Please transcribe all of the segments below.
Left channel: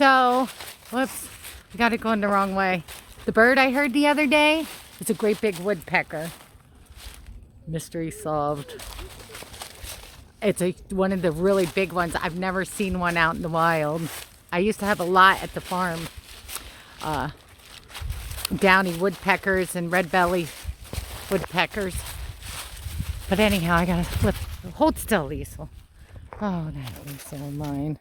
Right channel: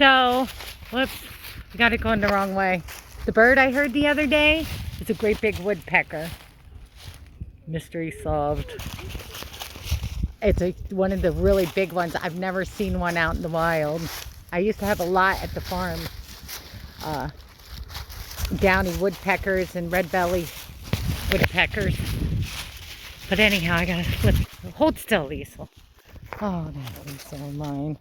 So, whoops, I got it going the wrong way. The bird I heard the other day is a great big woodpecker. Mystery solved. It's one of the really big ones. I've never seen one out in the wild. I used to have a lot at the farm. Downy woodpeckers and red belly woodpeckers. But anyhow, I gotta hold still, Lisal. Oh, that Lisal of mine.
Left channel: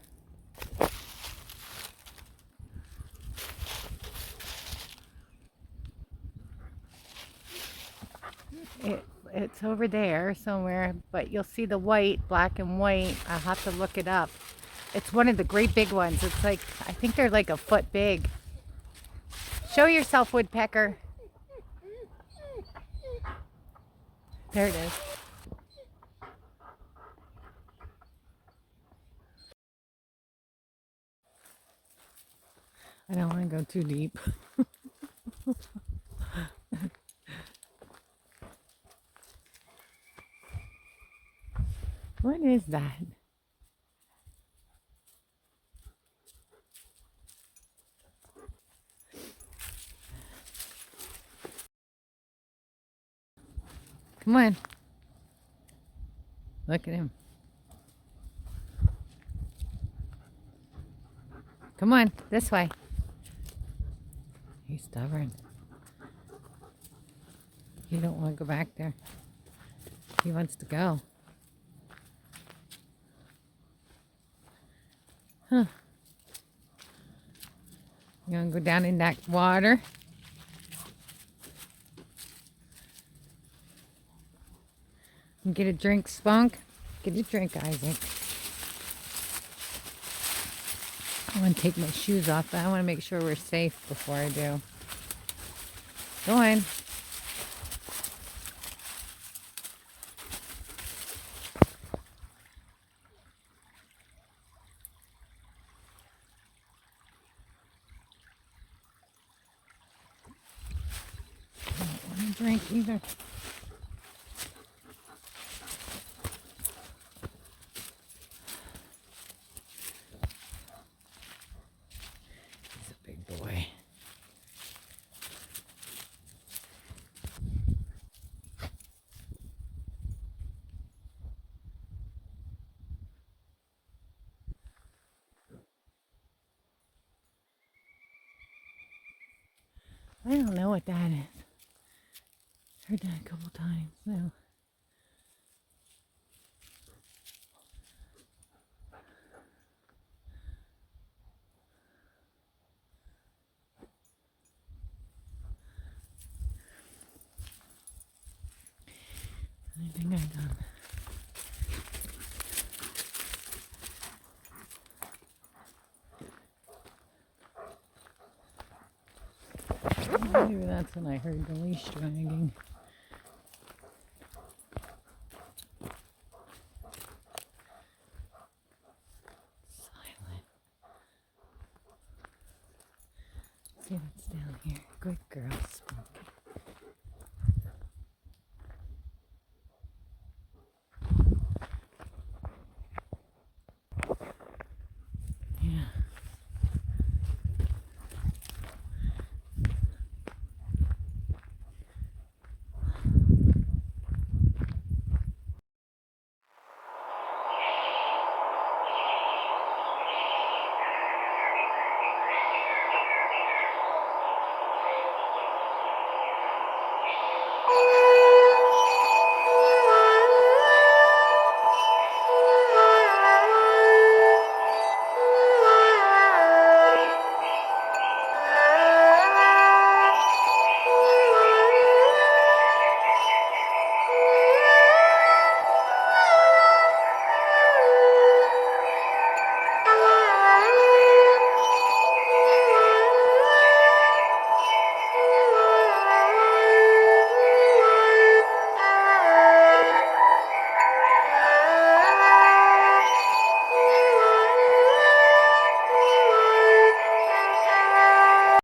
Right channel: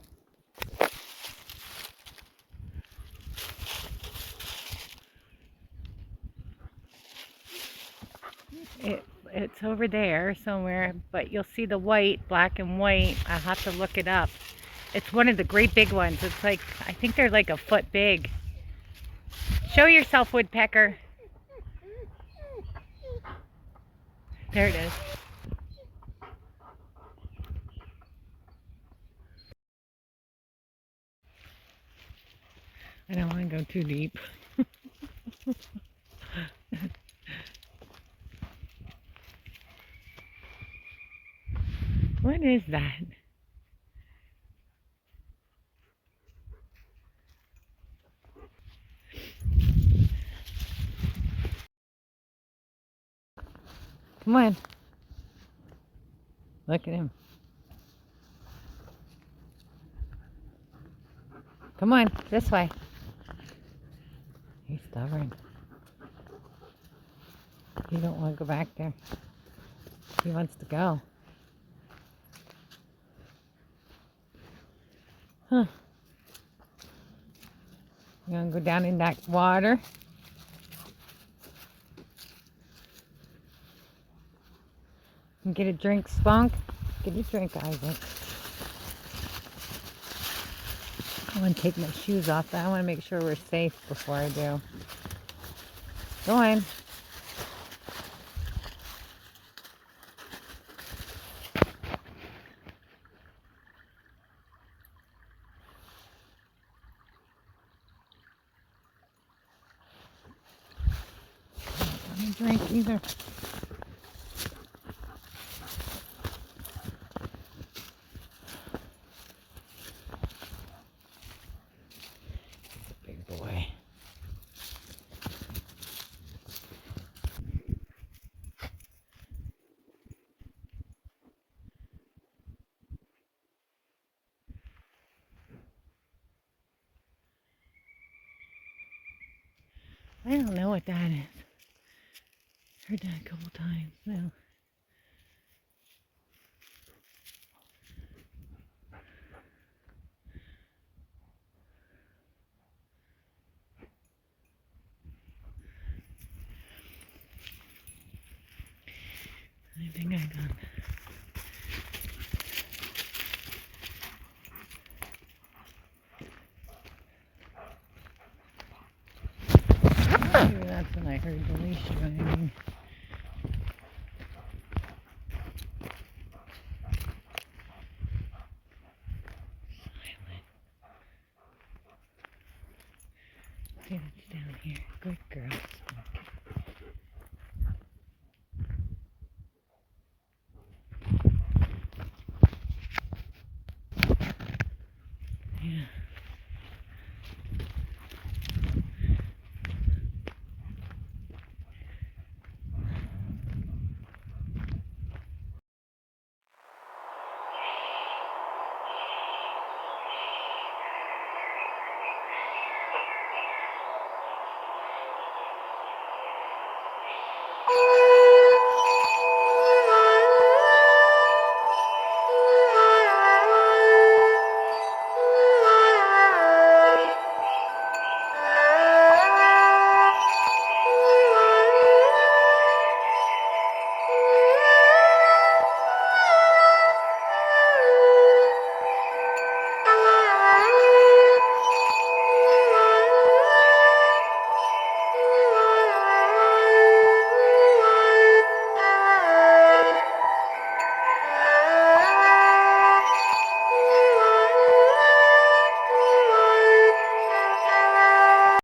It's over there somewhere, but you'll see the white, black and white. I'll have to look it up. It's one of the great big ones. It's like, I think they're like a foot big. Show yourself, woodpecker. There it is. I don't want to go too deep. What is that? Come on. Look at him. Come on, this way. He's stubborn. He don't want to go back there. He wants to go. Huh. You want to go down in that water? And get a drink, Spunk? Get a drink, Isaac. I want to take my shoes off, but I want to make sure we're safe before I do. Go on. I don't want to drink either. He's a big boy. I don't know what that is. Heard that a couple times now. I think I got it. Maybe that's when I heard the least ringing. Silent. See, that's down here. Good girl, Spunk.